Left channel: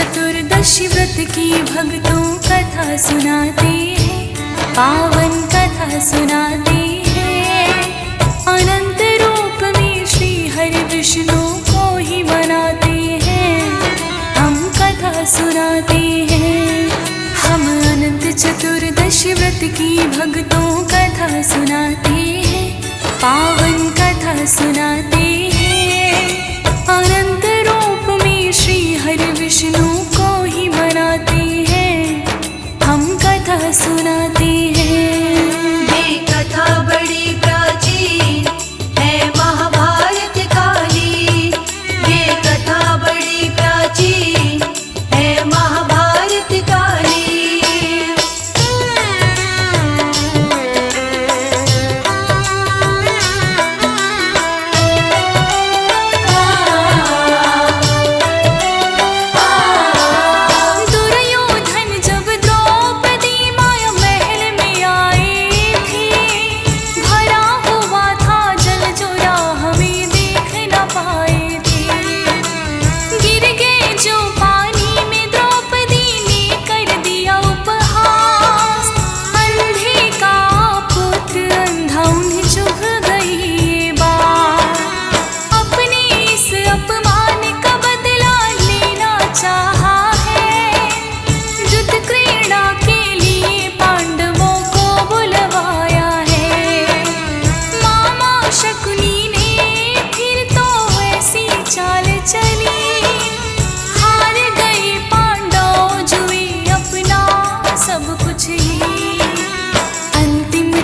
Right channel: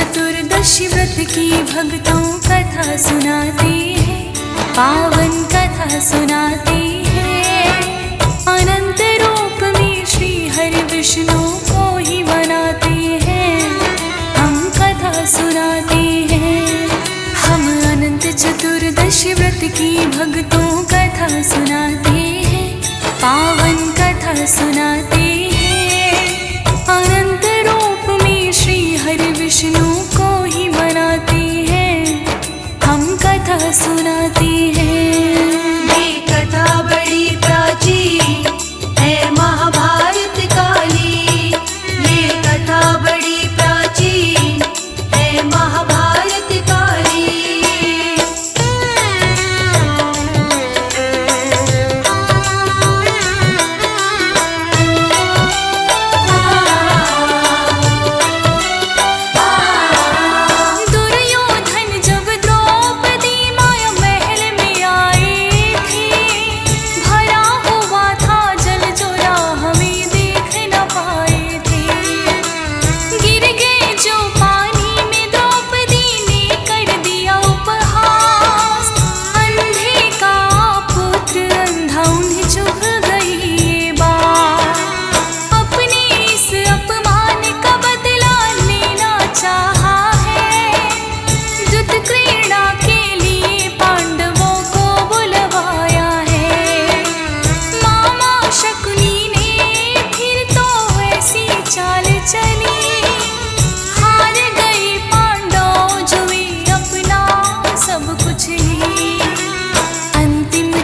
चतुर्दशी व्रत की भक्तों कथा सुनाते हैं, पावन कथा सुनाते हैं। अनंत रूप में श्री हरि विष्णु को ही मनाते हैं, हम कथा सुनाते हैं। हम अनंत चतुर्दशी व्रत की भक्तों कथा सुनाते हैं, पावन कथा सुनाते हैं। अनंत रूप में श्री हरि विष्णु को ही मनाते हैं, हम कथा सुनाते हैं। ये कथा बड़ी प्राचीन है महाभारत काली। ये कथा बड़ी प्राचीन है महाभारत काली।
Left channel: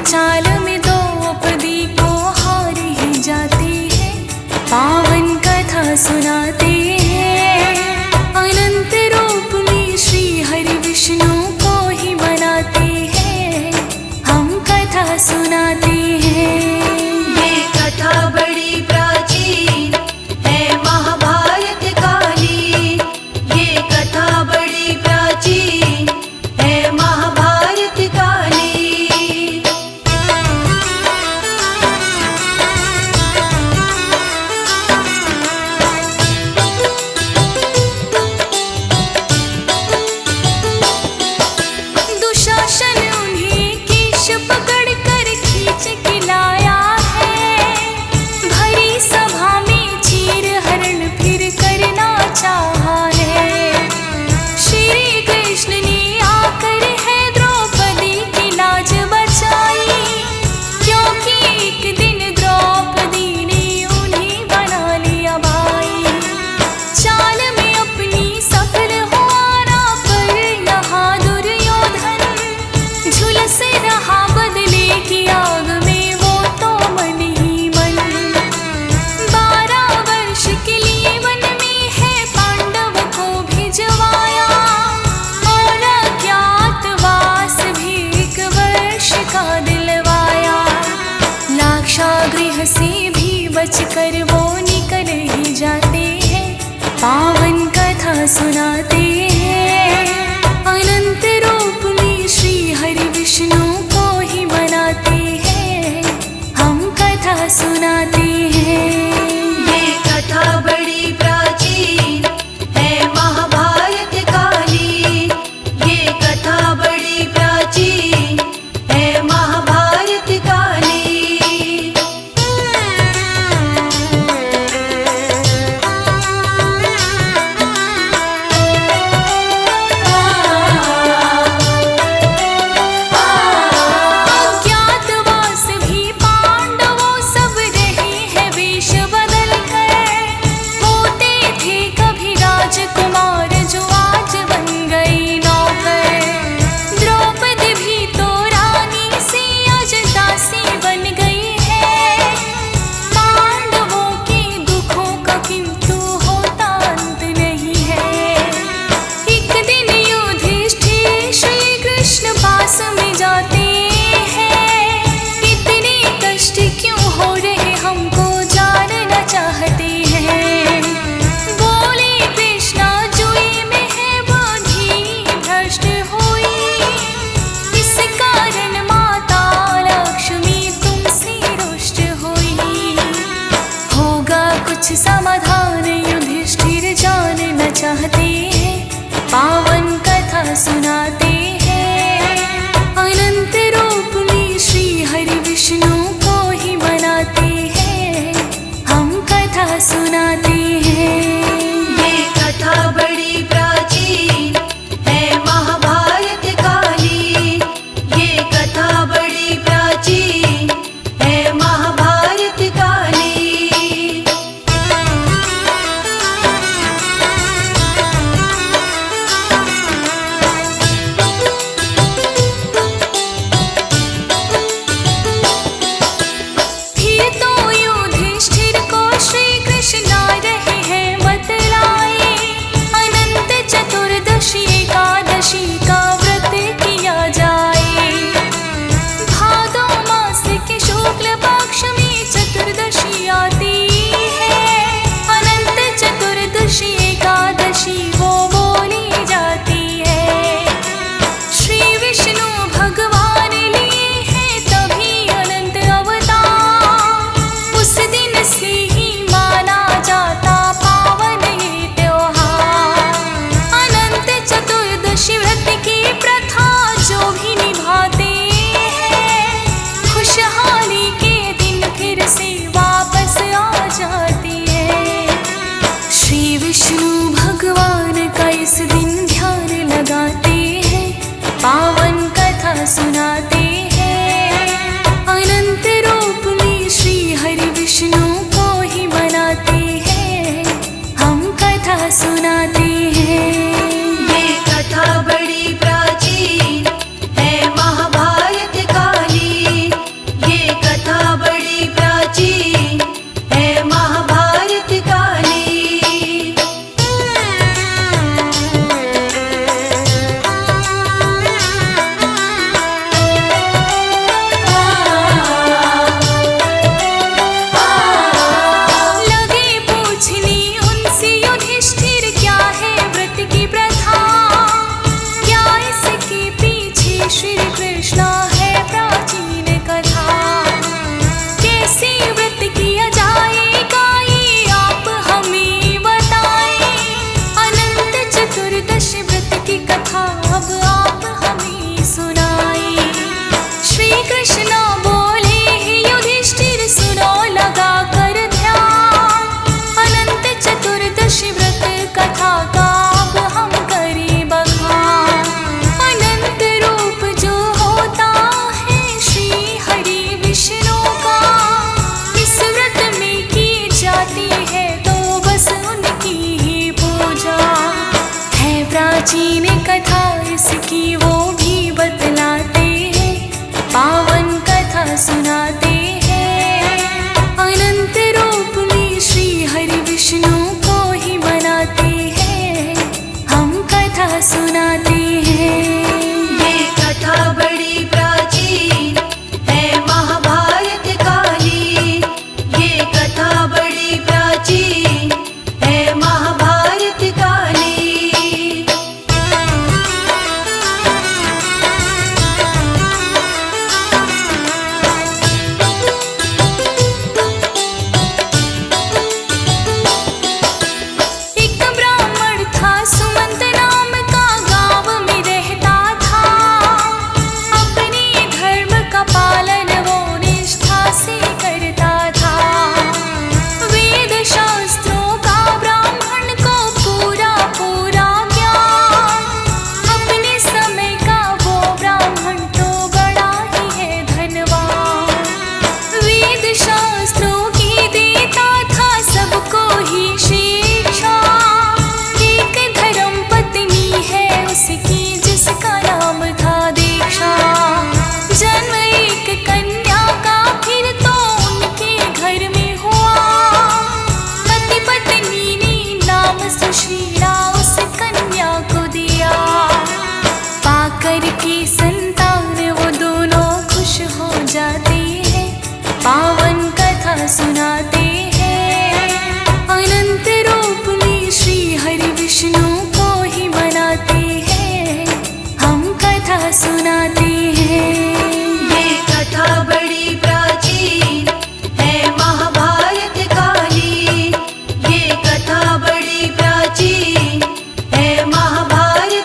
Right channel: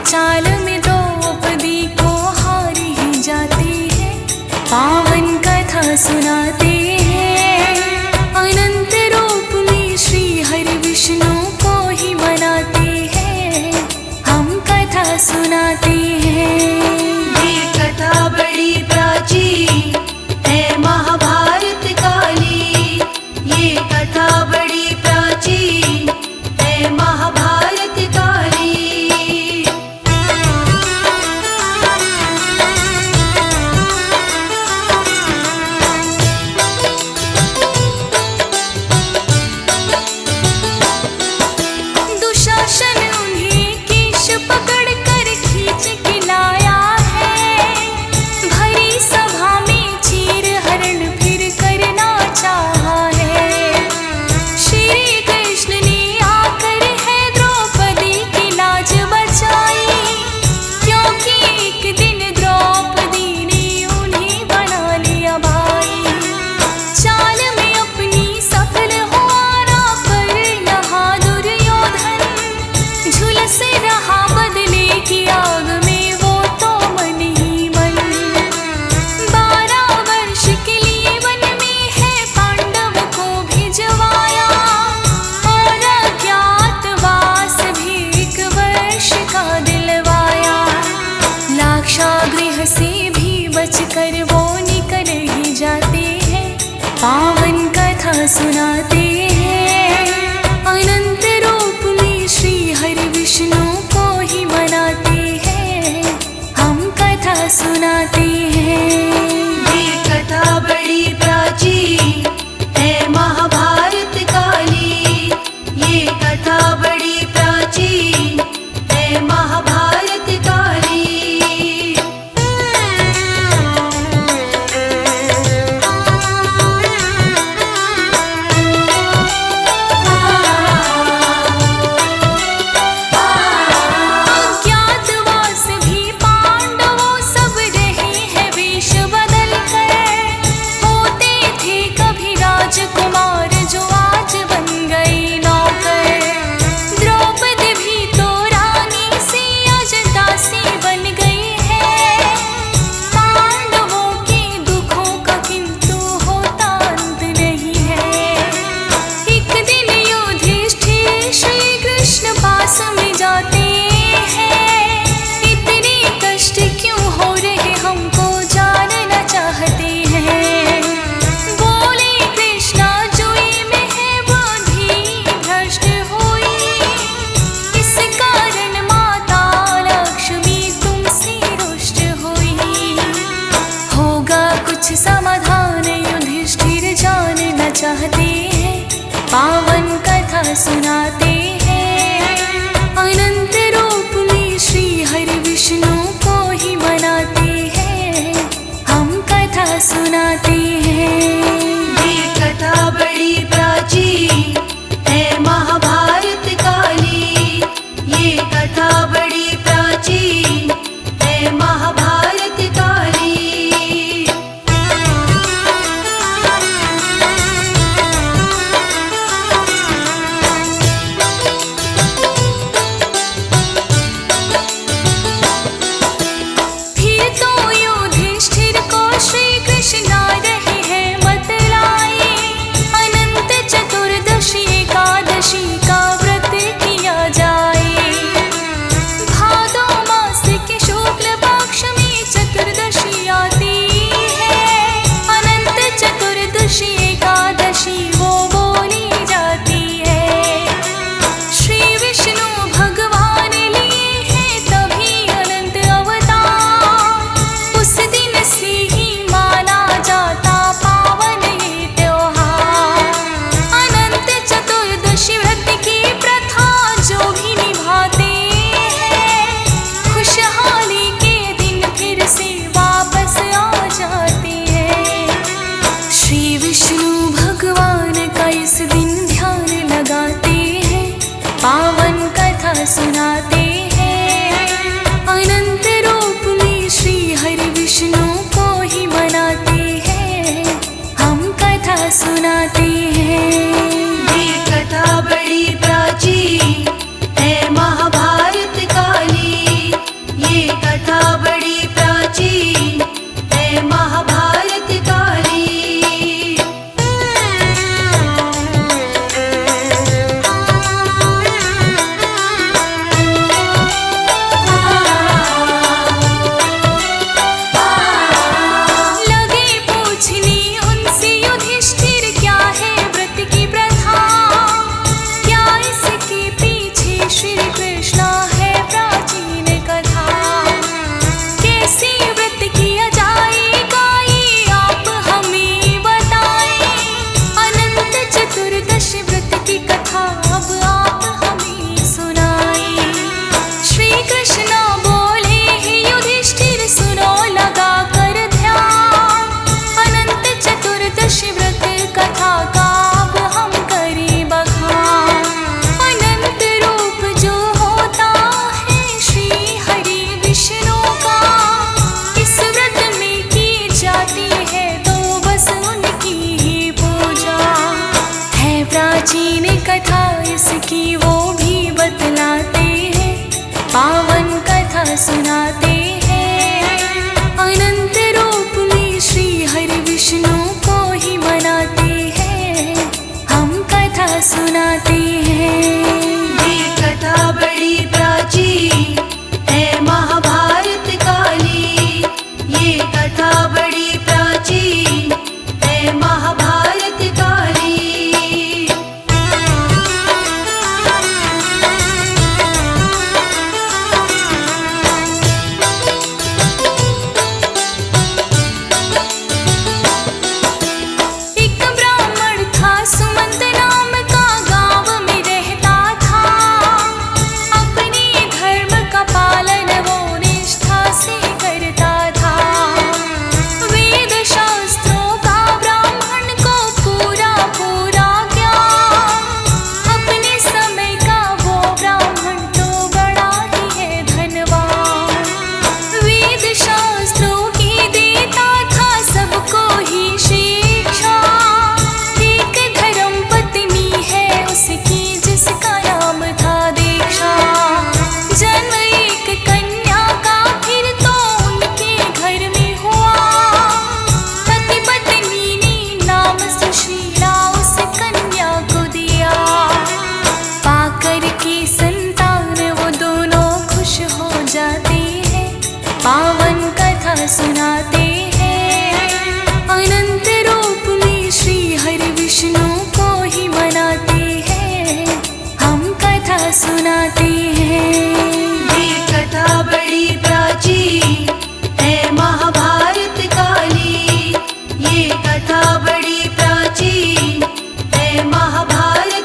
चाल में द्रौपदी को हार ही जाती है, पावन कथा सुनाते हैं। अनंत रूप में श्री हरि विष्णु को ही मनाते हैं, हम कथा सुनाते हैं। ये कथा बड़ी प्राचीन है महाभारत काली। ये कथा बड़ी प्राचीन है महाभारत काली। दुशासन उन्हें केश पकड़ कर खींच के लाया है, भरी सभा में चीर हरण फिर करना चाहा है। श्री कृष्ण ने आकर है द्रौपदी की लाज बचाई, क्योंकि एक दिन द्रौपदी ने उन्हें बना लिया भाई। चाल में अपनी सफल होना पर यहाँ दुर्योधन झुलस रहा बदले की आग में वो तो मन ही मन। 12 वर्ष के लिए वन में है पांडव को भिजवाया, और अज्ञातवास भी 1 वर्ष का दिलवाया। लाक्षागृह से भी बचकर वो निकल ही जाते हैं, पावन कथा सुनाते हैं। अनंत रूप में श्री हरि विष्णु को ही मनाते हैं, हम कथा सुनाते हैं। ये कथा बड़ी प्राचीन है महाभारत काली। ये कथा बड़ी प्राचीन है महाभारत काली। कुमार जो आज बन गई नौकर, द्रौपदी भी तो रानी से आज दासी बन गई है। पांडवों के दुखों का किंतु होता अंत नहीं है। एक दिन युधिष्ठिर श्री कृष्ण पास में जाते हैं, इतने कष्ट क्यों हो रहे हमको जानना चाहते हैं। कुछ समाधान युधिष्ठिर जानना चाहते हैं, पावन कथा सुनाते हैं। अनंत रूप में श्री हरि विष्णु को ही मनाते हैं, हम कथा सुनाते हैं। ये कथा बड़ी प्राचीन है महाभारत काली। ये कथा बड़ी प्राचीन है महाभारत काली। फिर तो युधिष्ठिर को श्री कृष्ण रहे हैं बतलाए, अनंत चतुर्दशी एकादशी का व्रत किया जाए। भादो मास के शुक्ल पक्ष में चतुर्दशी आती है, अनंत चतुर्दशी एकादशी वो बोली जाती है। श्री विष्णु भगवान लिए हैं तभी अनंत अवतार, उस दिन से ही माना जाता पावन ये त्योहार। अनंत चतुर्दशी व्रत की प्रथा जो भी निभाते हैं, खुशहाली के दिन फिर से वापस आ जाती है। श्री विष्णु भगवान का इस दिन ध्यान लगाते हैं, पावन कथा सुनाते हैं। अनंत रूप में श्री हरि विष्णु को ही मनाते हैं, हम कथा सुनाते हैं। ये कथा बड़ी प्राचीन है महाभारत काली। ये कथा बड़ी प्राचीन है महाभारत काली। लगे पूछने उनसे युधिष्ठिर क्या है व्रत की प्रथा, क्या इसके पीछे श्री कृष्ण है प्राचीन कथा। कैसे व्रत किया जाएगा ये आप हमें बताएं, अनंत चतुर्दशी व्रत की कथा अब आप हमें सुनाएं। श्री कृष्ण बोले हे युधिष्ठिर सुनो लगा कर ध्यान, अनंत चतुर्दशी व्रत कथा का अब हम करें बखान। अनंत रूप जो होता है श्री हरि विष्णु का, इस व्रत में की जाती है तो बस उनकी ही पूजा है। प्राचीन कथा इसकी वो भी बतलाते हैं, पावन कथा सुनाते हैं। अनंत रूप में श्री हरि विष्णु को ही मनाते हैं, हम कथा सुनाते हैं। ये कथा बड़ी प्राचीन है महाभारत काली। ये कथा बड़ी प्राचीन है महाभारत काली। एक ब्राह्मण था सुमंत नाम का, गांव में रहता था। अपने धर्म का पालन वो निष्ठा से करता था। वेद शास्त्रों का ब्राह्मण को पूरा पूरा ज्ञान, अपने समय का वो ब्राह्मण तो बड़ा ही है धनवान। वेद शास्त्रों की देता था सबको ही शिक्षा, एक धर्म पत्नी है उसकी जिसका नाम था दीक्षा। जन्म एक कन्या का फिर तो उनके घर में हुआ, पति पत्नी ने नाम सुशीला उस कन्या को दिया। पाकर के संतान वो दोनों खुश हो जाते हैं, पावन कथा सुनाते हैं। अनंत रूप में श्री हरि विष्णु को ही मनाते हैं, हम कथा सुनाते हैं। ये कथा बड़ी प्राचीन है महाभारत काली। ये कथा बड़ी प्राचीन है महाभारत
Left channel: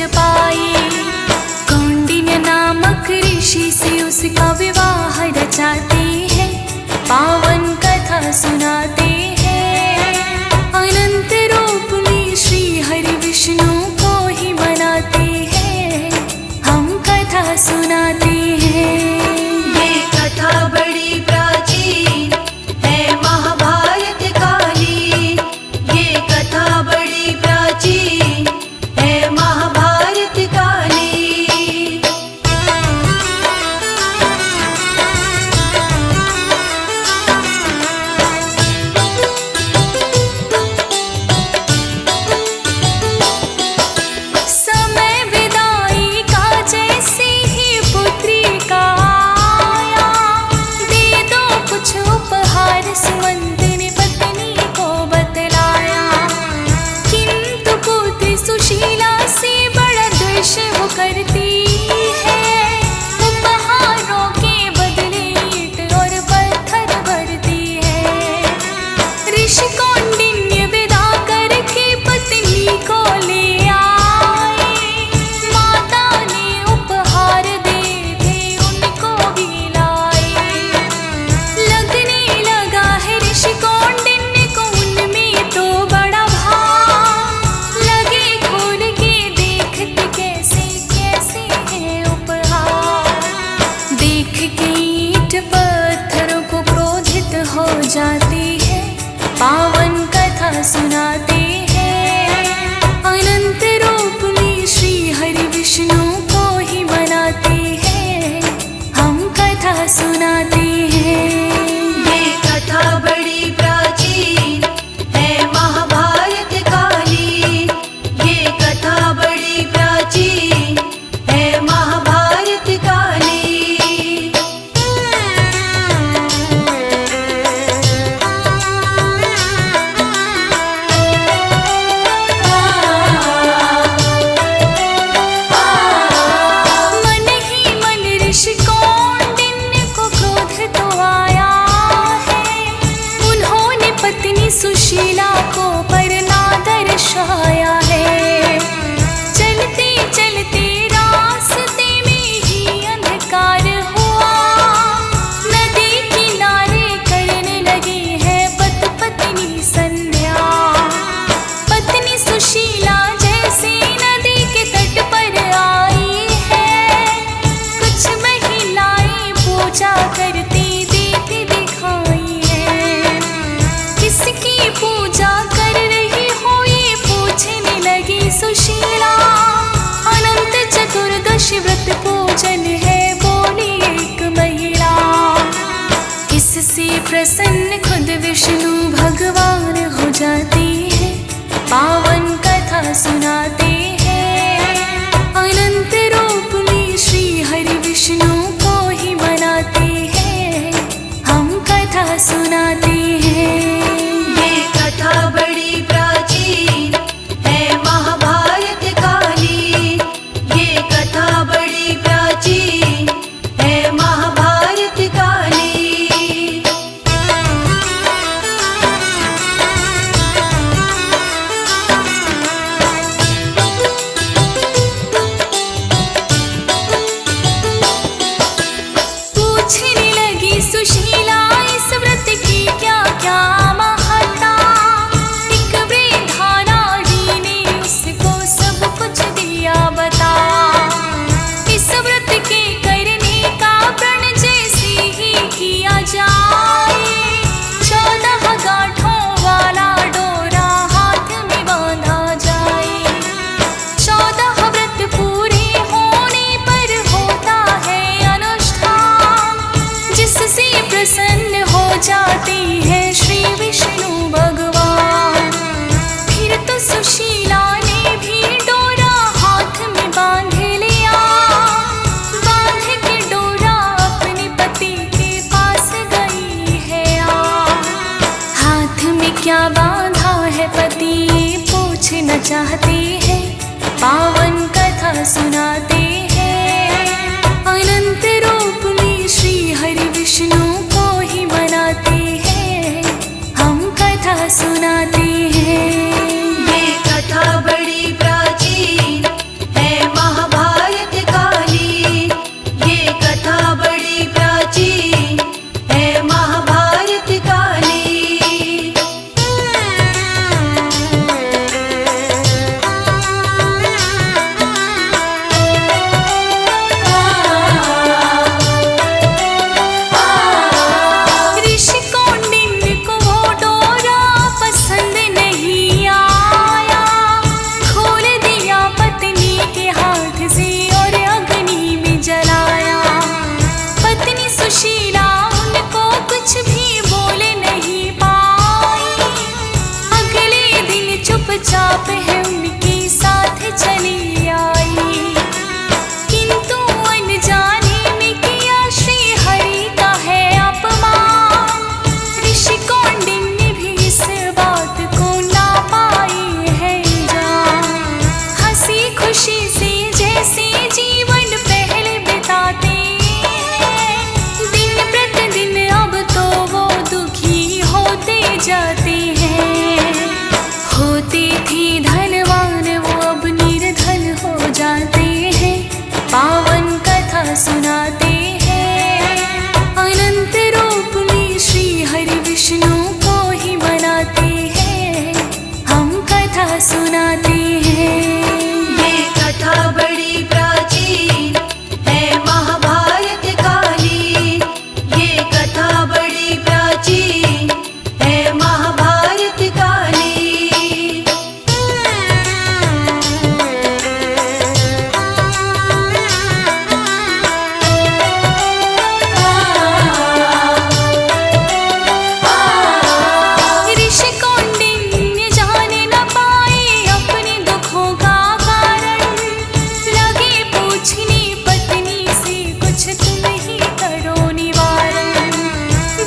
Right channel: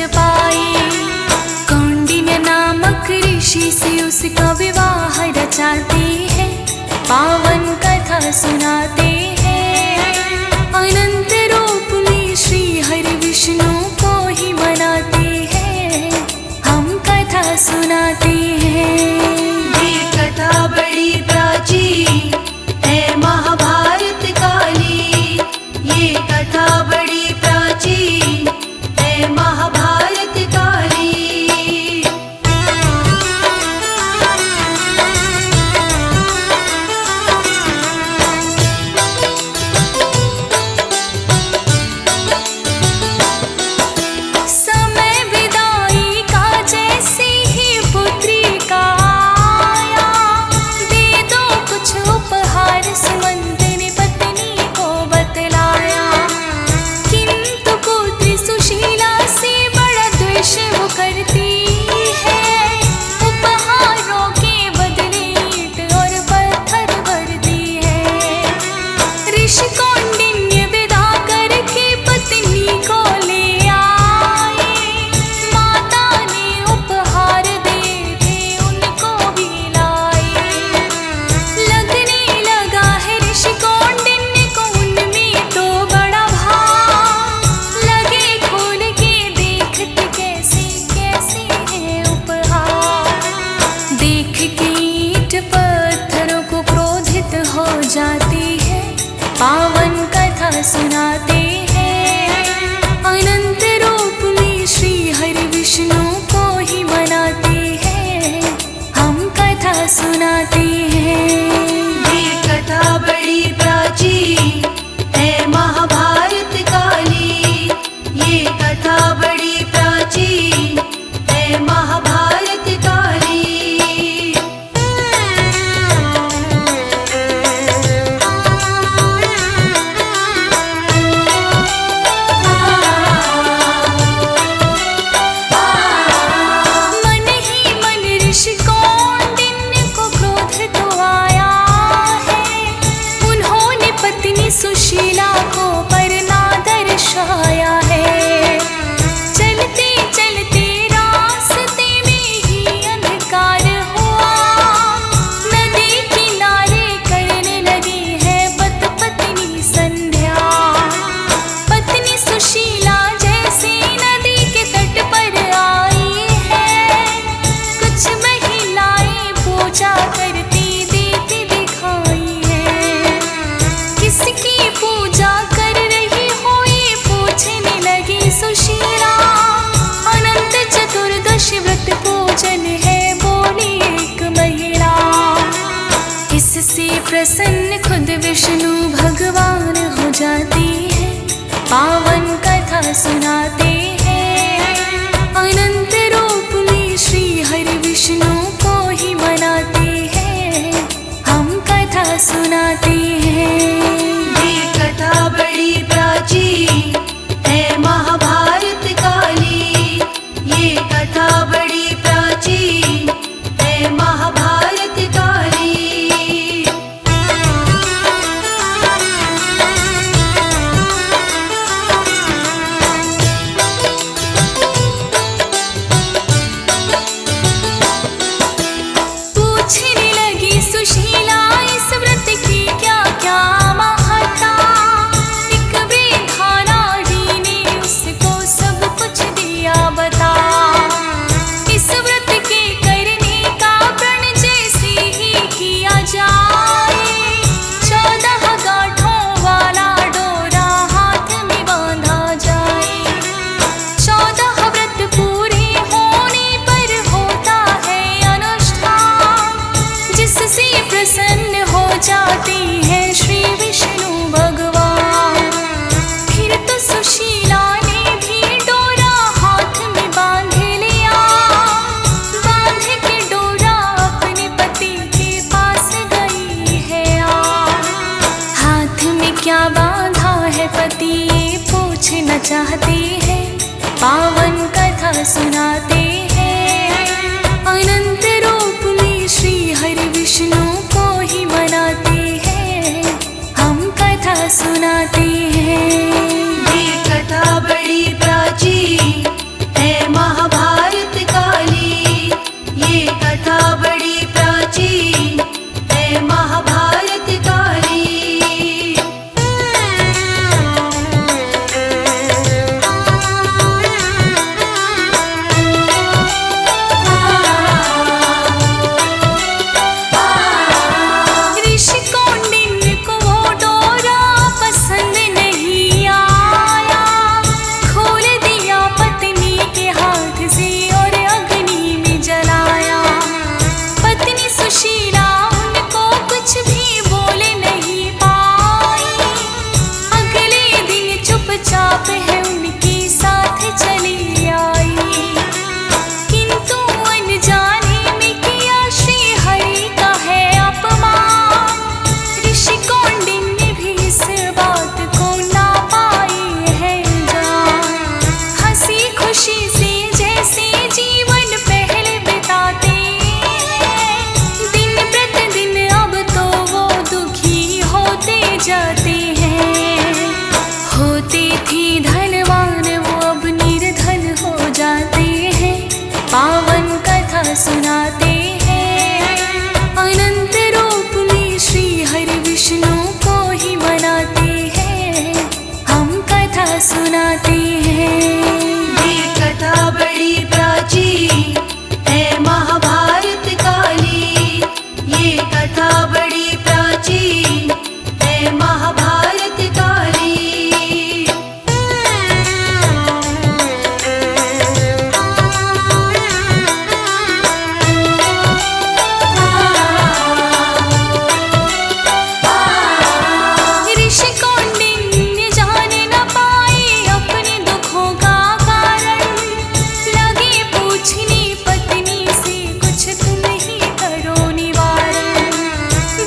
ब्रज पाए। कौंडिन्य नामक ऋषि से उसका विवाह रचाते हैं, पावन कथा सुनाते हैं। अनंत रूप में श्री हरि विष्णु को ही मनाते हैं, हम कथा सुनाते हैं। ये कथा बड़ी प्राचीन है महाभारत काली। ये कथा बड़ी प्राचीन है महाभारत काली। समय विदाई का जैसे ही पुत्री का आया, दे दो कुछ उपहार सुमंत ने पत्नी को बतलाया। किंतु पुत्री सुशीला से बड़ा द्वेष वो करती है, उपहारों के बदले ईंट और पत्थर भरती है। ऋषि कौंडिन्य विदा करके पत्नी को ले आए, माता ने उपहार दिए थे उनको भी लाए। लगने लगा है ऋषि कौंडिन्य को उनमें तो बड़ा भाव, लगे खोल के देखते कैसे कैसे है उपहार। देख के ईंट पत्थरों को क्रोधित हो जाती है, पावन कथा सुनाते हैं। अनंत रूप में श्री हरि विष्णु को ही मनाते हैं, हम कथा सुनाते हैं। ये कथा बड़ी प्राचीन है महाभारत काली। ये कथा बड़ी प्राचीन है महाभारत काली। मन ही मन ऋषि कौंडिन्य को क्रोध तो आया है, उन्होंने पत्नी सुशीला को पर ना दर्शाया है। चलते चलते रास्ते में ही अंधकार हुआ, नदी किनारे करने लगी है पत पत्नी संध्या। पत्नी सुशीला जैसे नदी के तट पर आई है, कुछ महिलाएं पूजा करती देती दिखाई है। किसकी पूजा कर रही हो ये पूछने लगी सुशीला। अनंत चतुर्दशी व्रत पूजन है बोली एक महिला। इससे प्रसन्न खुद विष्णु भगवान हो जाती है, पावन कथा सुनाते हैं। अनंत रूप में श्री हरि विष्णु को ही मनाते हैं, हम कथा सुनाते हैं। ये कथा बड़ी प्राचीन है महाभारत काली। ये कथा बड़ी प्राचीन है महाभारत काली। पूछने लगी सुशीला इस व्रत की क्या क्या महत्ता। एक वृद्धा नारी ने उसको सब कुछ दिया बता। इस व्रत के करने का प्रण जैसे ही किया जाए, 14 गांठों वाला डोरा हाथ में बांधा जाए। 14 व्रत पूरे होने पर होता है अनुष्ठान, जिससे प्रसन्न हो जाती है श्री विष्णु भगवान। फिर तो सुशीला ने भी डोरा हाथ में बांध लिया, बांध के डोरा अपने पति के पास गई है आ। हाथ में क्या बांधा है पति ये पूछना चाहते हैं, पावन कथा सुनाते हैं। अनंत रूप में श्री हरि विष्णु को ही मनाते हैं, हम कथा सुनाते हैं। ये कथा बड़ी प्राचीन है आप है उनके साथ चली आई। किंतु अनजाने में किया श्री हरि का है अपमान। ऋषि कौंडिन्य भी इस बात को ना पाई है जान। हंसी खुशी से जैसे जीवन पहले बिताते हैं, दिन प्रतिदिन अब तो वो दुखी होते जाते हैं। होते थे धनवान वो अब निर्धन हो जाते हैं। पावन कथा सुनाते हैं, अनंत रूप में श्री हरि विष्णु को ही मनाते हैं। हम कथा सुनाते हैं। ये कथा बड़ी प्राचीन है महाभारत काली। ये कथा बड़ी प्राचीन है महाभारत काली। ऋषि कौंडिन्य जाने न पाए अपने दुखों का कारण। लगे पूछने पत्नी से कुछ तुम ही करो निवारण।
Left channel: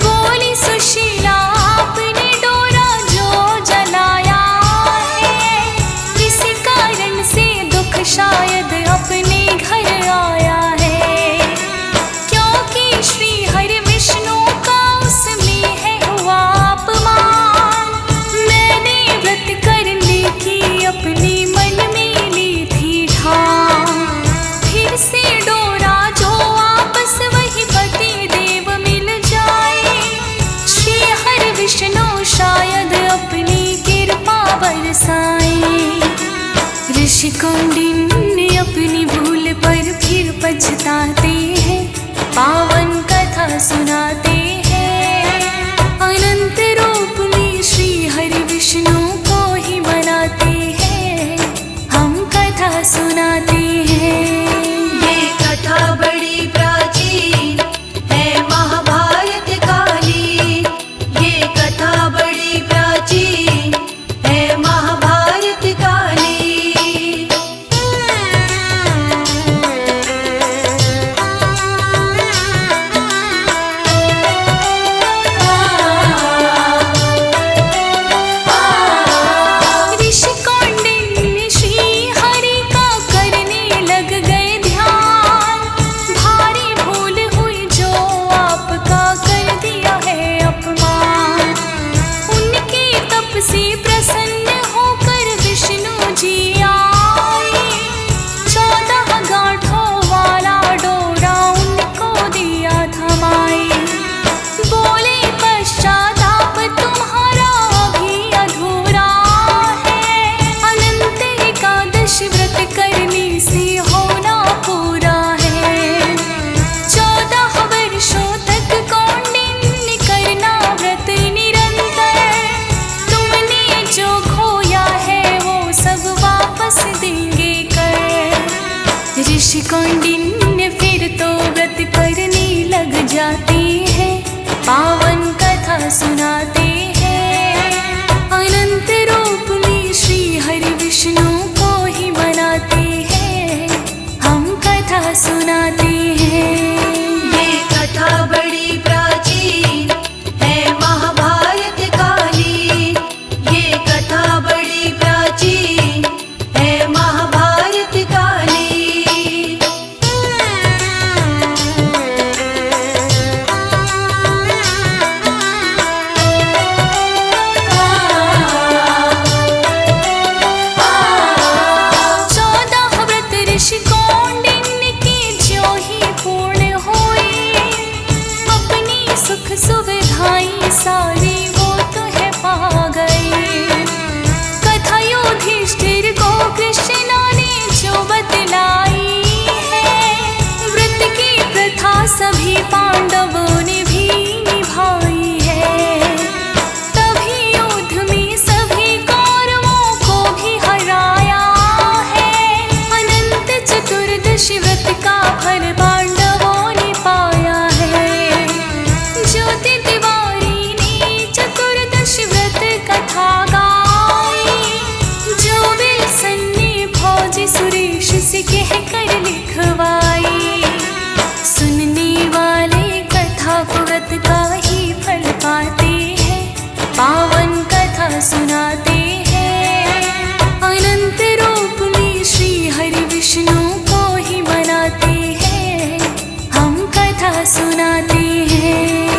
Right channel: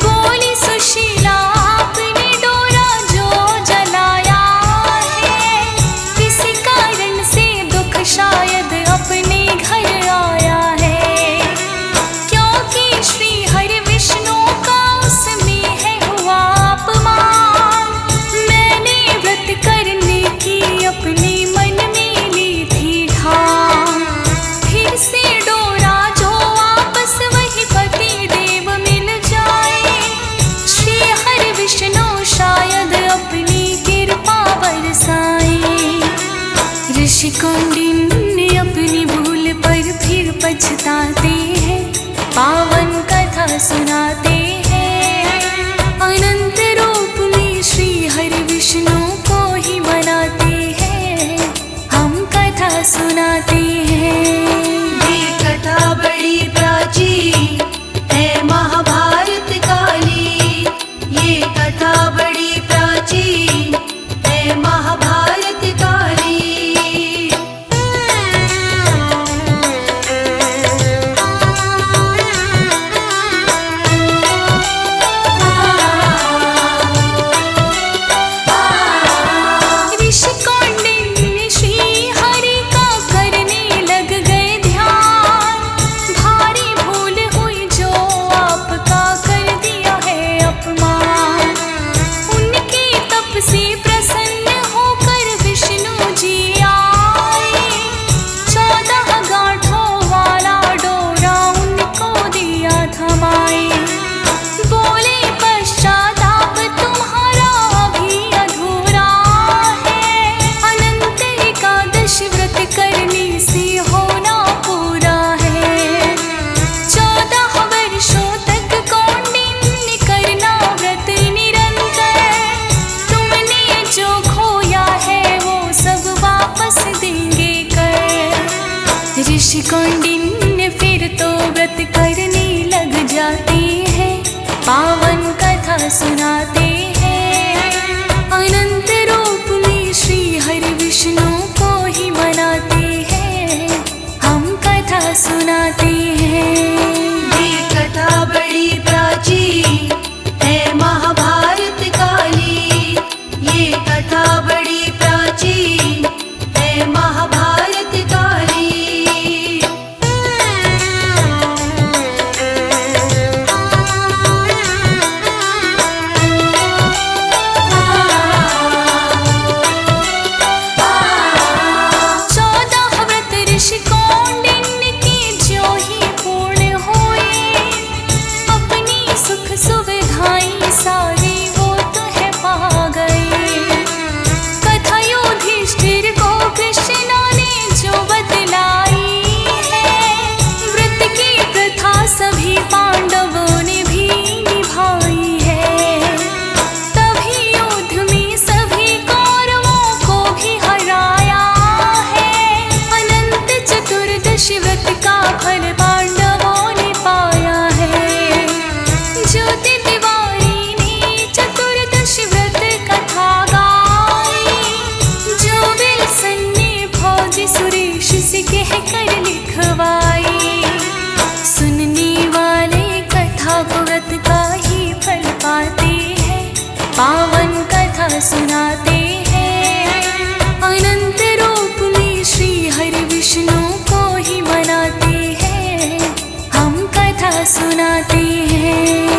बोली सुशीला आपने डोरा जो जलाया है, किसी कारण से दुख शायद अपने घर आया है। क्योंकि श्री हरि विष्णु का उसमें है हुआ अपमान। मैंने व्रत करने की अपने मन में ली थी ठान। फिर से डोरा जो वापस वही पति देव मिल जाए। श्री हरि विष्णु शायद अपनी कृपा बरसाए। ऋषि कौंडिन्य अपनी भूल पर फिर पछताते हैं। पावन कथा सुनाते हैं, अनंत रूप में श्री हरि विष्णु को ही मनाते हैं। हम कथा सुनाते हैं। ये कथा बड़ी प्राचीन है महाभारत काली। ये कथा बड़ी प्राचीन है महाभारत काली। ऋषि कौंडिन्य श्री हरि का करने लग गए ध्यान। भारी भूल हुई जो आपका कर दिया है अपमान। उनके तप से प्रसन्न होकर विष्णु जी आए। 14 गांठों वाला डोरा उनको दिया थमाए। बोले पश्चाताप तुम्हारा अभी अधूरा है। अनंत एकादश व्रत करने से होना पूरा है। 14 वर्षों तक कौंडिन्य करना व्रत निरंतर। तुमने जो खोया है वो सब वापस देंगे कर। ऋषि कौंडिन्य फिर तो व्रत करने लग जाते हैं। पावन कथा सुनाते हैं, अनंत रूप में श्री हरि विष्णु को ही मनाते हैं। हम कथा सुनाते हैं। ये कथा बड़ी प्राचीन है महाभारत काली। ये कथा बड़ी प्राचीन है महाभारत काली। ऋषि कौंडिन्य की जो ही पूर्ण हुई। अपनी सुख सुविधाएं सारी वो तो है पा गए। कथा युधिष्ठिर को कृष्ण ने जो बतलाई है। व्रत की प्रथा सभी पांडवों ने भी निभाई है। तभी युद्ध में सभी कौरवों को भी हराया है। चतुर्दशी व्रत का फल पांडवों ने पाया है। ज्योति तिवारी ने चतुर्दशी व्रत कथा गाई। जो से कह कर लिखवाई। सुनने वाले कथा को व्रत का ही फल पाते हैं, पावन कथा सुनाते हैं। अनंत रूप में श्री हरि विष्णु को ही मनाते हैं, हम कथा सुनाते हैं।